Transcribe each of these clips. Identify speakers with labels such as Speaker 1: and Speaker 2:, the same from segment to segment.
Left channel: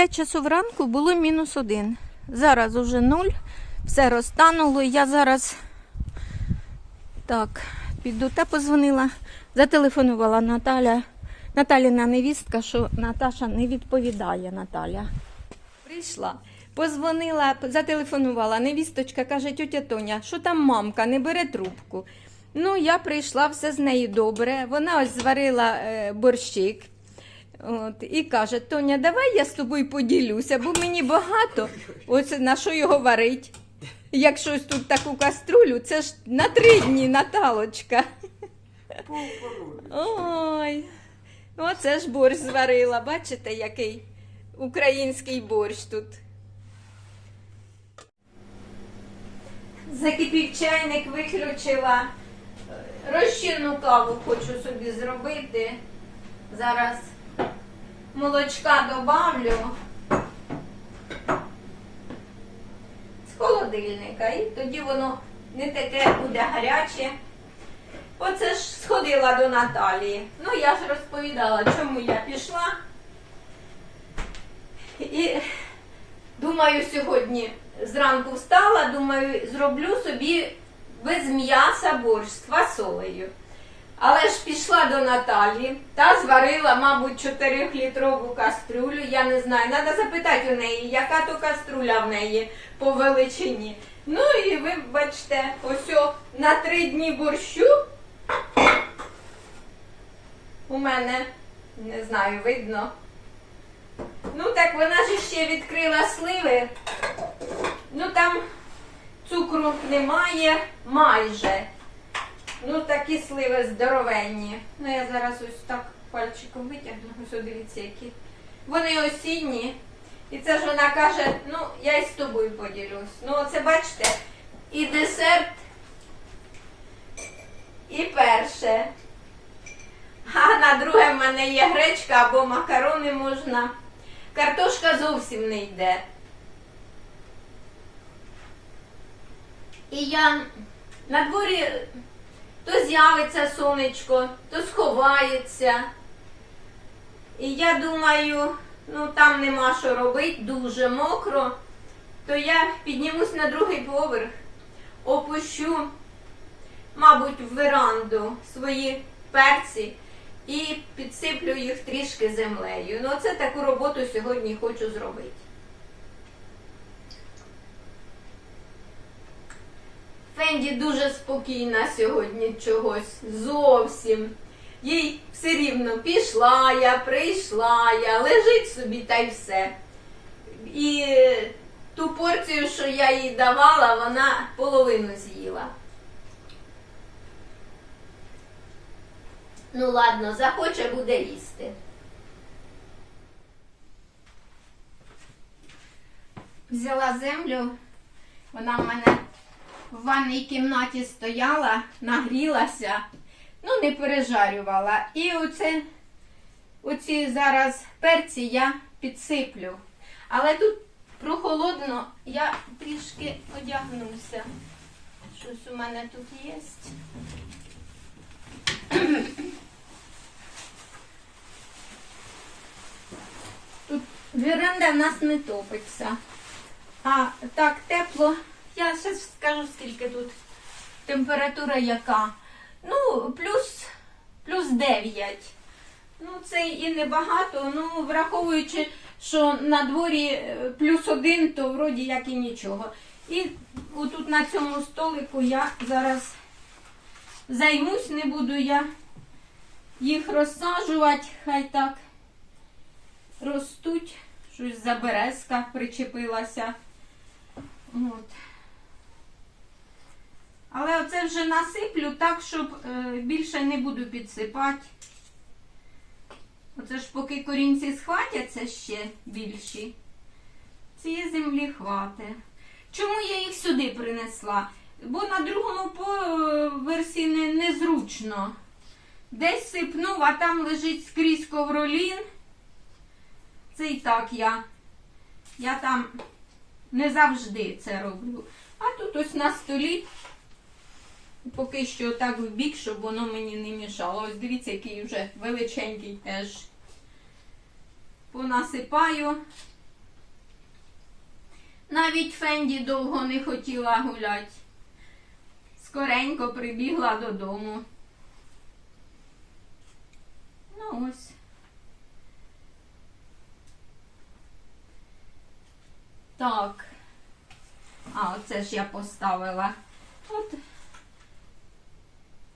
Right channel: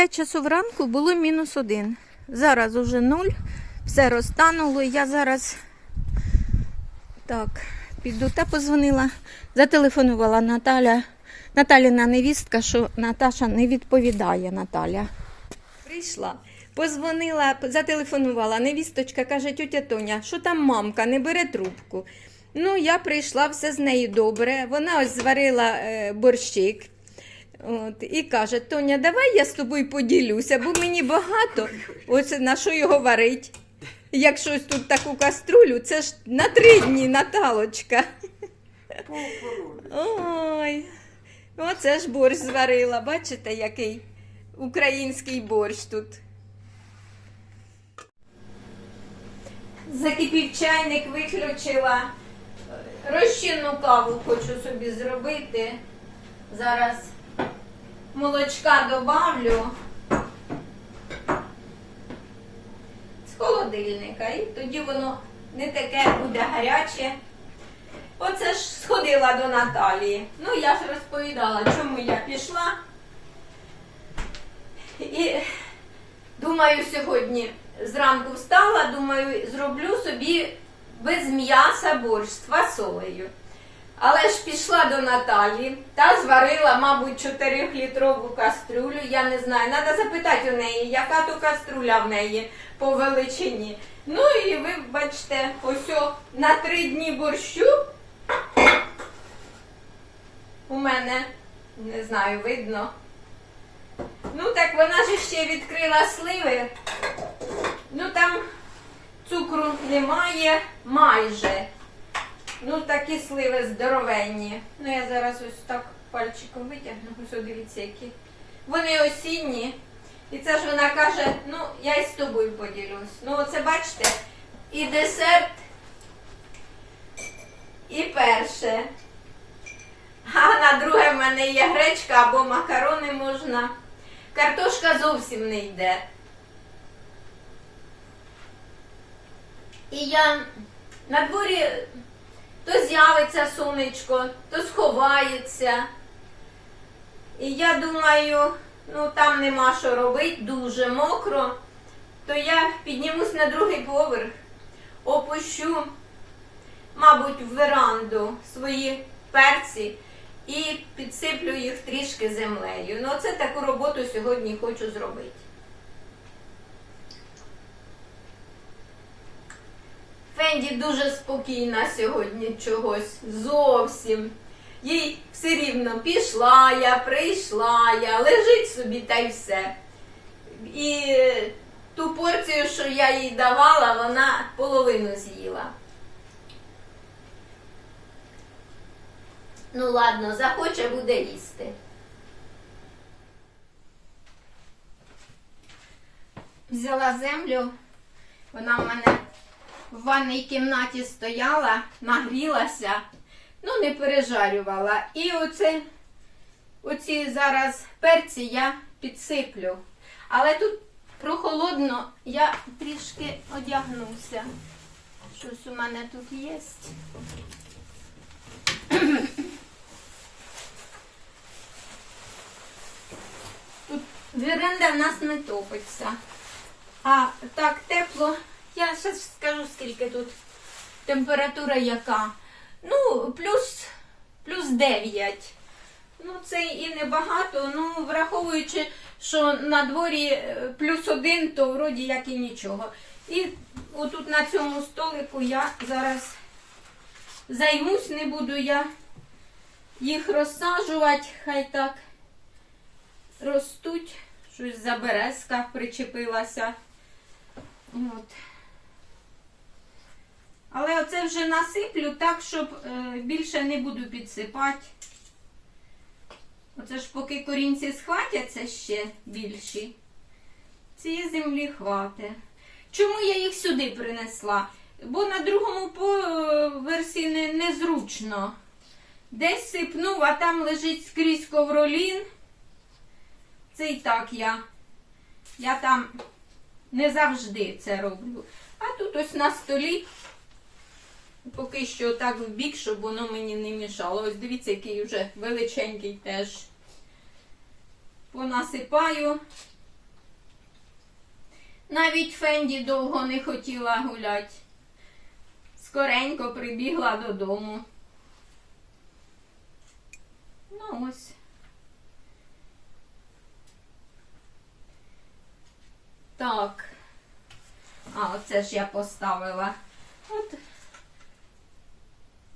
Speaker 1: 5 часов ранку було мінус один. Зараз уже нуль. Все розтануло. Я зараз так, піду та позвонила. Зателефонувала Наталя. Наталіна невістка, що Наташа не відповідає Наталя. Прийшла, позвонила, зателефонувала. Невісточка каже, тетя Тоня, що там мамка, не бере трубку. Ну, я прийшла, все з нею добре. Вона ось зварила е, борщик. От, і каже, Тоня, давай я з тобою поділюся, бо мені багато. Ось на що його варить. Якщо ось тут таку каструлю, це ж на три дні Наталочка. Ой, оце ж борщ зварила. Бачите, який український борщ тут. Закипів чайник, виключила. Розчинну каву хочу собі зробити. Зараз молочка добавлю з холодильника. І тоді воно не таке буде гаряче. Оце ж сходила до Наталії. Ну, я ж розповідала, чому я пішла. І думаю, сьогодні зранку встала, думаю, зроблю собі без м'яса борщ з фасолею. Але ж пішла до Наталі та зварила, мабуть, 4-літрову каструлю. Я не знаю. Треба запитати у неї, яка то каструля в неї по величині. Ну і ви бачите, ось на три дні борщу у мене, не знаю, видно. Ну так вона ж ще відкрила сливи. Ну там цукру немає майже. Ну, такі сливи здоровенні. Ну, я зараз ось так пальчиком витягну. Ось дивіться, які. Вони осінні. І це ж вона каже, ну, я й з тобою поділюсь. Ну, оце бачите, і десерт, і перше. А на друге в мене є гречка або макарони можна. Картошка зовсім не йде. І я на дворі то з'явиться сонечко, то сховається. І я думаю, ну там нема що робити, дуже мокро, то я піднімусь на другий поверх, опущу, мабуть, в веранду свої перці і підсиплю їх трішки землею. Ну, це таку роботу сьогодні хочу зробити. Фенді дуже спокійна сьогодні чогось. Зовсім. Їй все рівно пішла я, прийшла я, лежить собі та й все. І ту порцію, що я їй давала, вона половину з'їла. Ну ладно, захоче буде їсти. Взяла землю, вона в мене в ванній кімнаті стояла, нагрілася, ну не пережарювала. І оце, оці зараз перці я підсиплю. Але тут прохолодно, я трішки одягнуся. Щось у мене тут є. Тут веранда в нас не топиться. А так тепло. Я ще скажу, скільки тут температура яка. Ну, плюс, плюс 9. Ну, це і небагато. Ну, враховуючи, що на дворі е, плюс один, то вроді як і нічого. І отут на цьому столику я зараз займусь, не буду я їх розсаджувати, хай так ростуть. Щось за березка причепилася. От. Але оце вже насиплю так, щоб е, більше не буду підсипати. Оце ж поки корінці схватяться ще більші, цієї землі хватить. Чому я їх сюди принесла? Бо на другому поверсі не, незручно. Десь сипнув, а там лежить скрізь ковролін. Це і так я. Я там не завжди це роблю. А тут ось на столі поки що так в бік, щоб воно мені не мішало. Ось дивіться, який вже величенький теж. Понасипаю Навіть Фенді довго не хотіла гуляти. Скоренько прибігла додому. Ну ось. Так. А, оце ж я поставила. От.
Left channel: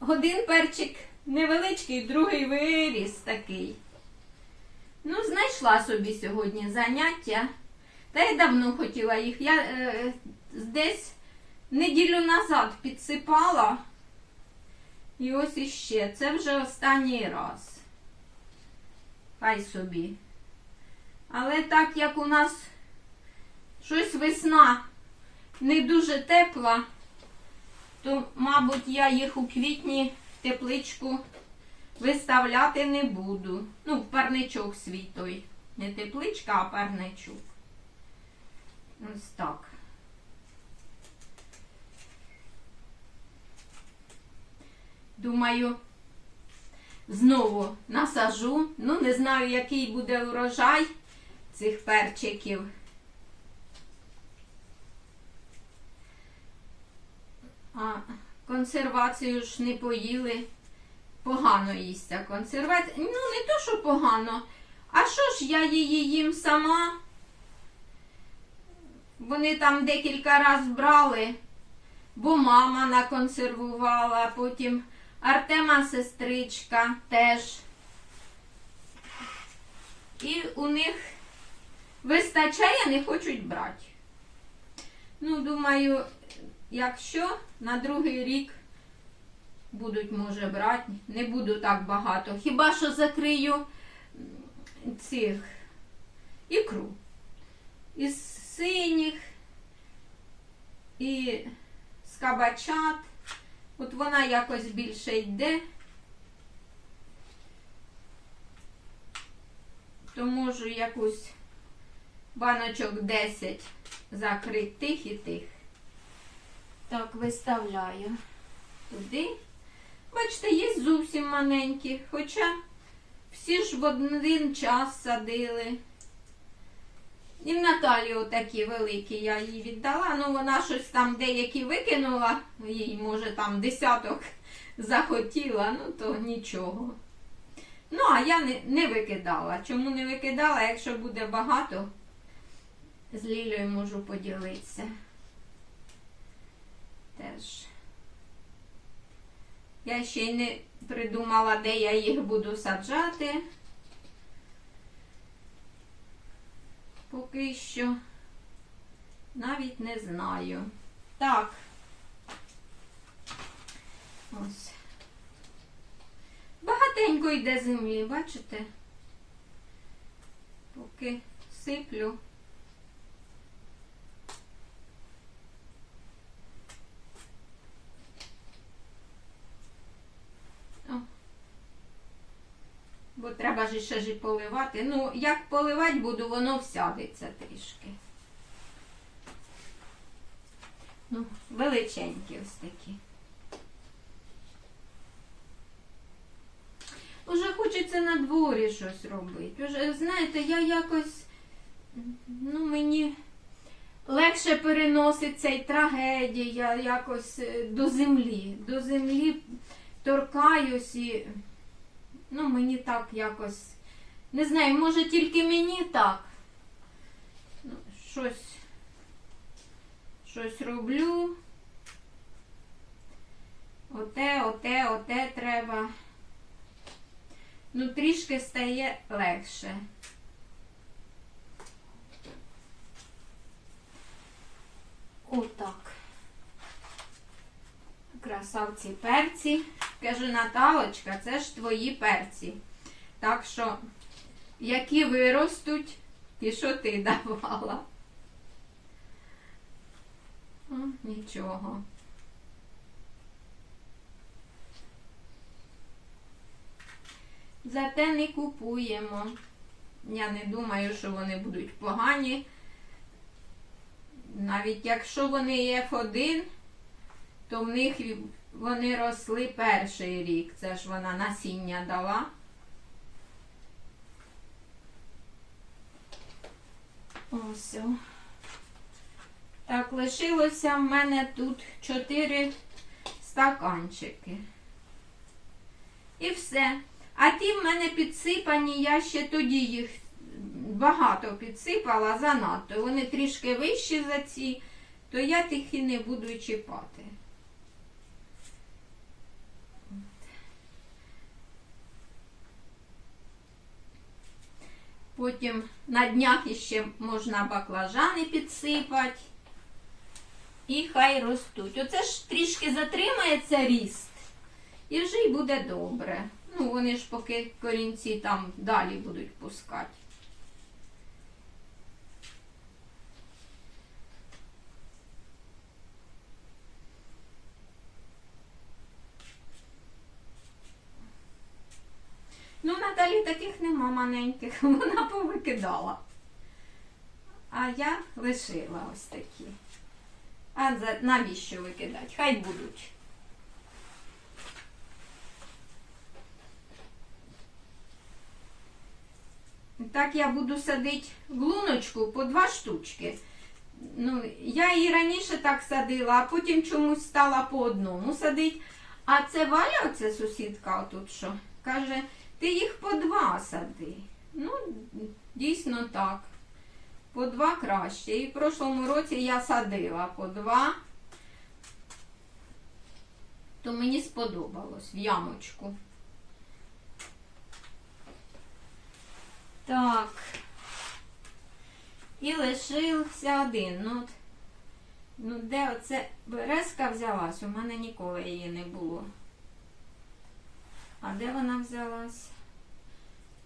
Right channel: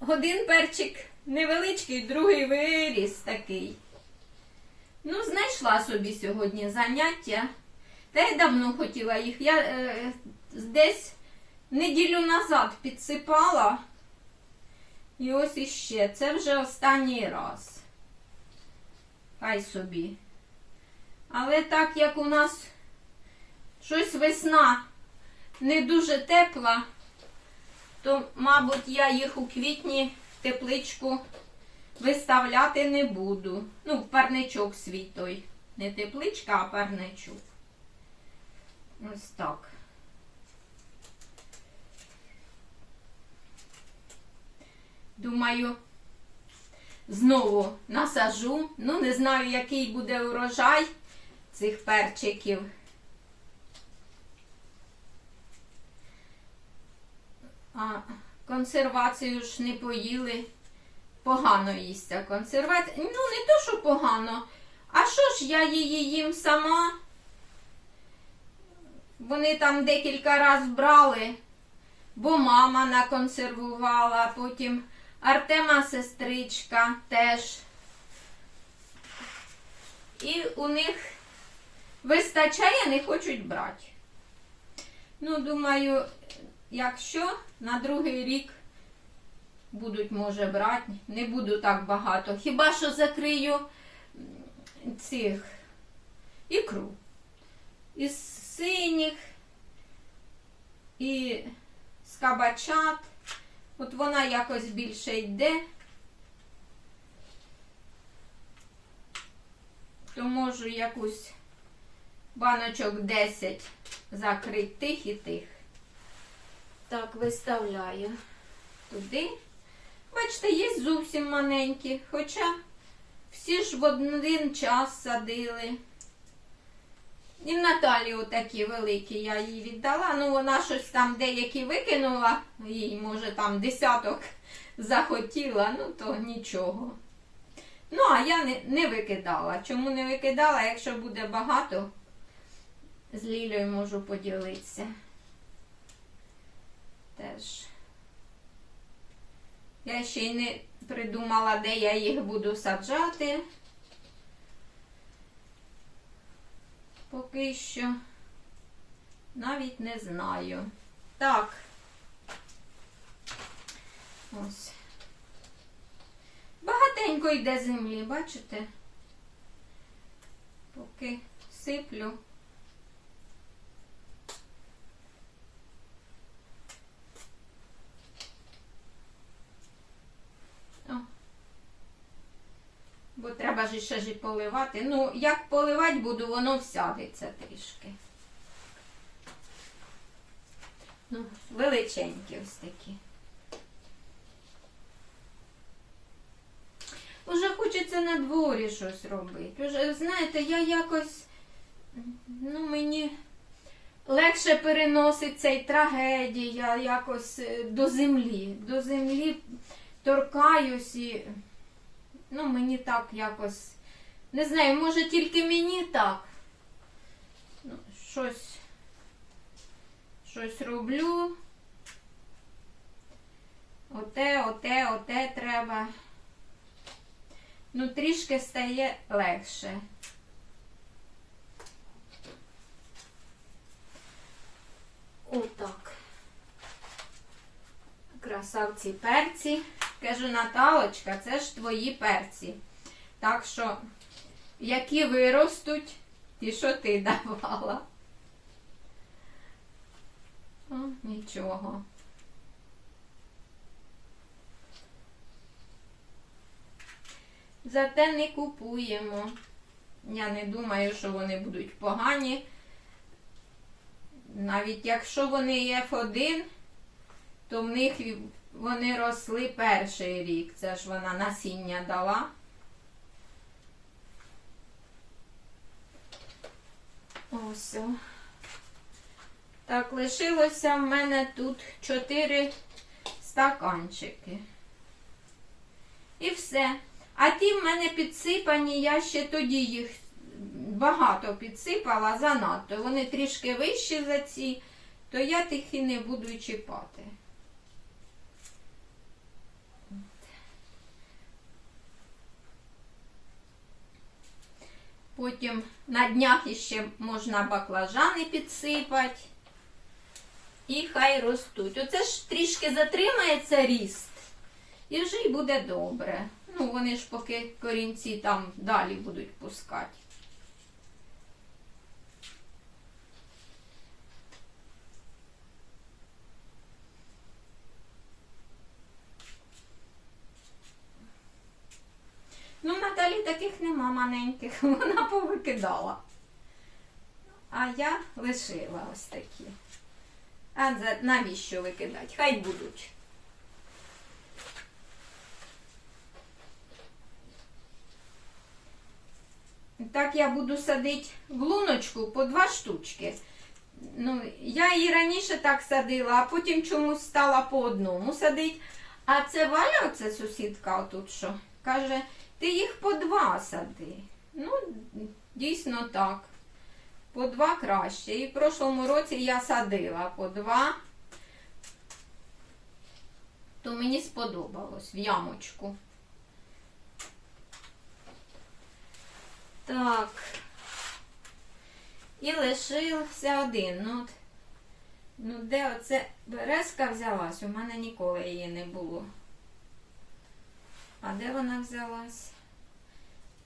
Speaker 1: Один перчик невеличкий, другий виріс такий. Ну, знайшла собі сьогодні заняття. Та й давно хотіла їх. Я е, десь неділю назад підсипала. І ось іще. Це вже останній раз. Хай собі. Але так як у нас щось весна не дуже тепла, то, мабуть, я їх у квітні в тепличку виставляти не буду. Ну, парничок свій той. Не тепличка, а парничок. Ось так. Думаю, знову насажу. Ну, не знаю, який буде урожай цих перчиків. А консервацію ж не поїли. Погано їсться консервація. Ну, не то, що погано. А що ж я її їм сама? Вони там декілька разів брали, бо мама наконсервувала, потім Артема сестричка теж. І у них вистачає, не хочуть брати. Ну, думаю, якщо на другий рік будуть, може, брати, не буду так багато. Хіба що закрию цих ікру. Із синіх і з кабачат. От вона якось більше йде. То можу якусь баночок 10 закрити тих і тих. Так, виставляю туди. Бачите, є зовсім маленькі, хоча всі ж в один час садили. І в Наталі такі великі я їй віддала. Ну, вона щось там деякі викинула, їй, може, там десяток захотіла, ну то нічого. Ну, а я не, не викидала. Чому не викидала? Якщо буде багато, з Лілею можу поділитися. Теж. Я ще й не придумала, де я їх буду саджати. Поки що навіть не знаю. Так. Ось. Багатенько йде землі, бачите? Поки сиплю. О. Бо треба ж ще ж і поливати. Ну, як поливати буду, воно всядеться трішки. Ну, величенькі ось такі. Уже хочеться на дворі щось робити. Уже, знаєте, я якось, ну, мені легше переносить цей трагедія якось е, до землі. До землі торкаюсь і. Ну, мені так якось. Не знаю, може тільки мені так. Ну, щось. Щось роблю. Оте, оте, оте треба. Ну, трішки стає легше. Отак. Красавці перці. Кажу, Наталочка, це ж твої перці. Так що, які виростуть, ті, що ти давала. О, нічого. Зате не купуємо. Я не думаю, що вони будуть погані. Навіть якщо вони F1, то в них вони росли перший рік. Це ж вона насіння дала. Ось. Так, лишилося в мене тут 4 стаканчики. І все. А ті в мене підсипані, я ще тоді їх багато підсипала занадто. Вони трішки вищі за ці, то я тих і не буду чіпати. Потім на днях іще можна баклажани підсипати. І хай ростуть. Оце ж трішки затримається ріст. І вже й буде добре. Ну, вони ж поки корінці там далі будуть пускати. Ну, Наталі таких нема маленьких, вона повикидала. А я лишила ось такі. А навіщо викидати? Хай будуть. Так я буду садити в луночку по два штучки. Ну, я її раніше так садила, а потім чомусь стала по одному садити. А це Валя, оце сусідка отут що, каже, ти їх по два сади. Ну, дійсно так. По два краще. І в прошлому році я садила по два. То мені сподобалось в ямочку. Так. І лишився один. Ну, ну де оце березка взялась? У мене ніколи її не було. А де вона взялась?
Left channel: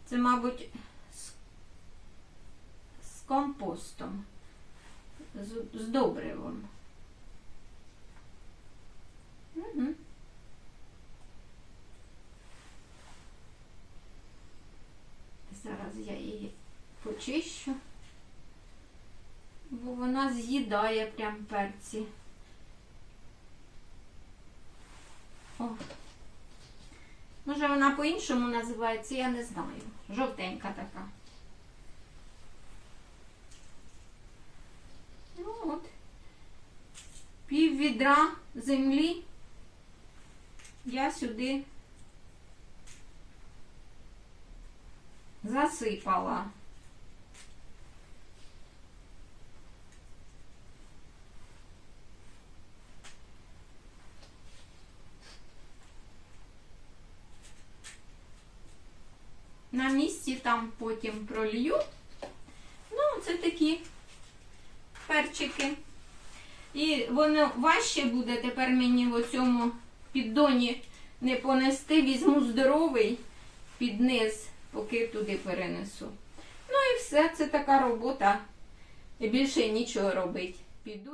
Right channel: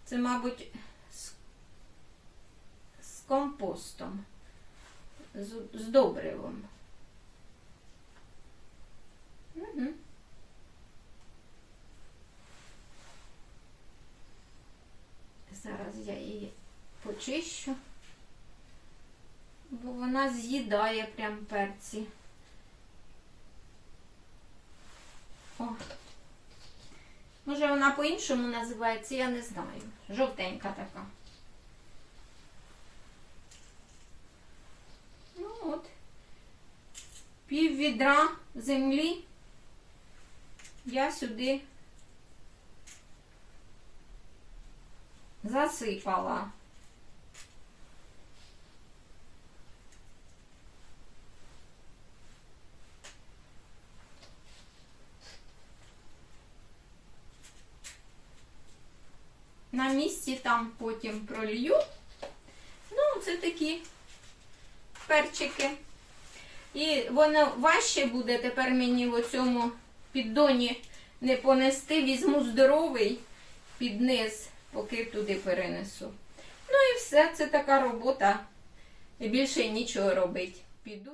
Speaker 1: Це, мабуть, з, з компостом, з, з добривом. Угу. Зараз я її почищу, бо вона з'їдає прям перці. О. Може вона по-іншому називається, я не знаю. Жовтенька така. Ну от. Пів відра землі я сюди засипала. На місці там потім пролью. Ну, це такі перчики. І воно важче буде тепер мені в оцьому піддоні не понести. Візьму здоровий під низ, поки туди перенесу. Ну і все, це така робота. Більше нічого робити. Піду.